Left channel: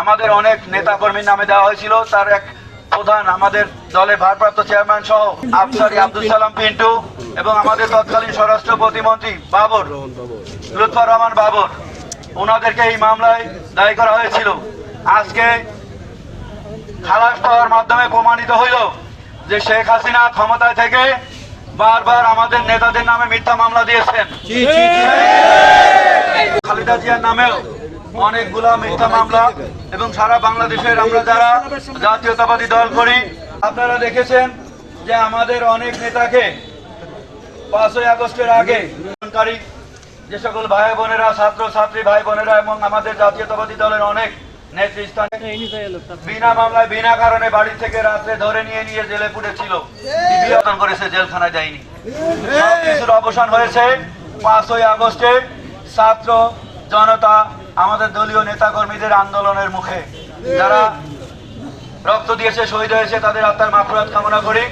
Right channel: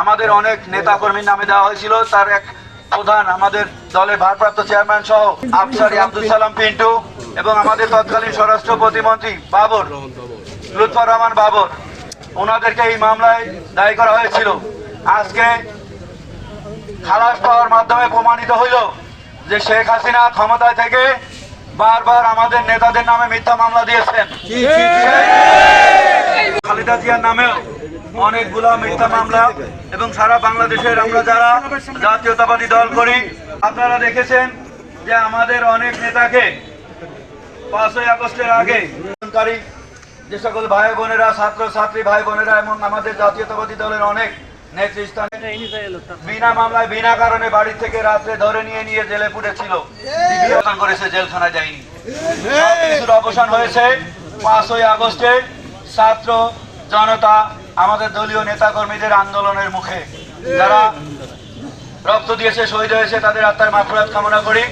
আমাদের অনেক নেতা কর্মীর নামে দেওয়া হয়েছিল। তার এক প্রধান আমাদের দলের ভারপ্রাপ্ত চেয়ারম্যান সহ আফসারি আব্দুল সালাম পিন্টু এবং আমাদের তৎকালীন স্বরাষ্ট্র প্রতিমন্ত্রী বাবর লুৎফর রহমান বাবর ওনাদেরকে এই মামলায় দায়ী করা হয়েছিল। আজকে খালাস পাওয়ার মাধ্যমে প্রমাণিত হইল যে শেখ হাসিনা ক্ষমতায় থেকে বারবার আমাদের নেতাদের নামে মিথ্যা মামলা দিয়েছেন। খালেদা জিয়ার নামেও অনেকগুলো মিথ্যা মামলা এবং সারা বাংলাদেশের আমরা যারা জাতীয়তাবাদী দল করি, আপনারা দেখেছেন যে আমাদের অনেক নেতাকে পাঁচই আগস্টের আগে যে সকল ভাই বোনেরা ছাত্র ছাত্রী ভাই বোনেরা এবং আমাদের জাতীয়তাবাদী দলের অনেক নেতৃস্থানে বিনা মামলায়, বিনা কারণে বাড়ি থেকে রাত্রে ধরে নিয়ে নিয়ে জেলে পুড়েছিল করেছে, জেলখানায় যায়নি। সব কিছুর অবসান হয়েছে পাঁচই আগস্টে ছাত্র জনতা আমাদের দলীয় নেতাকর্মীদের আন্দোলনের মুখে। যারা রক্ত দিয়েছে, শহীদ হয়েছে, তাদের আত্মার মাফরাত কামনা করি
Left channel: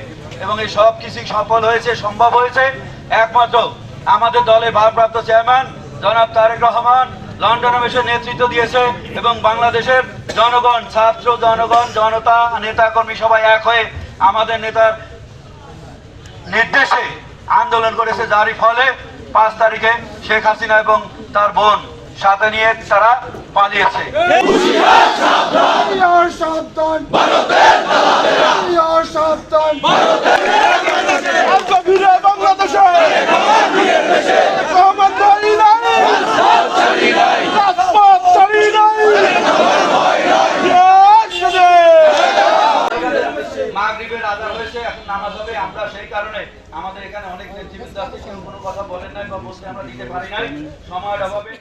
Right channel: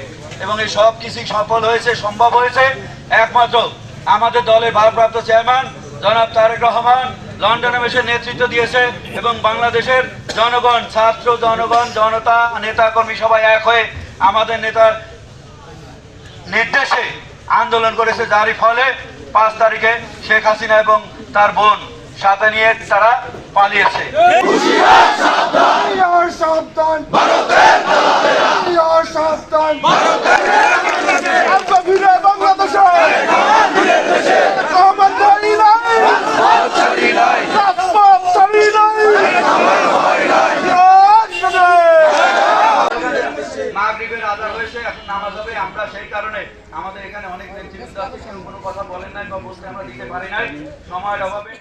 এবং এই সব কিছুই সফল হয়েছে, সম্ভব হয়েছে। একমাত্র আমাদের দলের ভারপ্রাপ্ত চেয়ারম্যান জনাব তারেক রহমান লন্ডনে বসে নেতৃত্ব দিয়েছে এবং বাংলাদেশের জনগণ, ছাত্র জনগণ, জনতা, নেতাকর্মী সবাই এক হয়ে আমাদের নেতার নির্দেশে আন্দোলন করেছে। যারই ফলে পাঁচ তারিখে শেখ হাসিনা এবং তার বোন সাথে নিয়ে তারা পালিয়েছে। আমরা সেই কারণে আমাদের এখানে অনেক নেতৃবৃন্দ আছে কোনো কথা বলেন নাই বা বসতে আমরা দিতে পারি নাই, সময়ের অভাবে।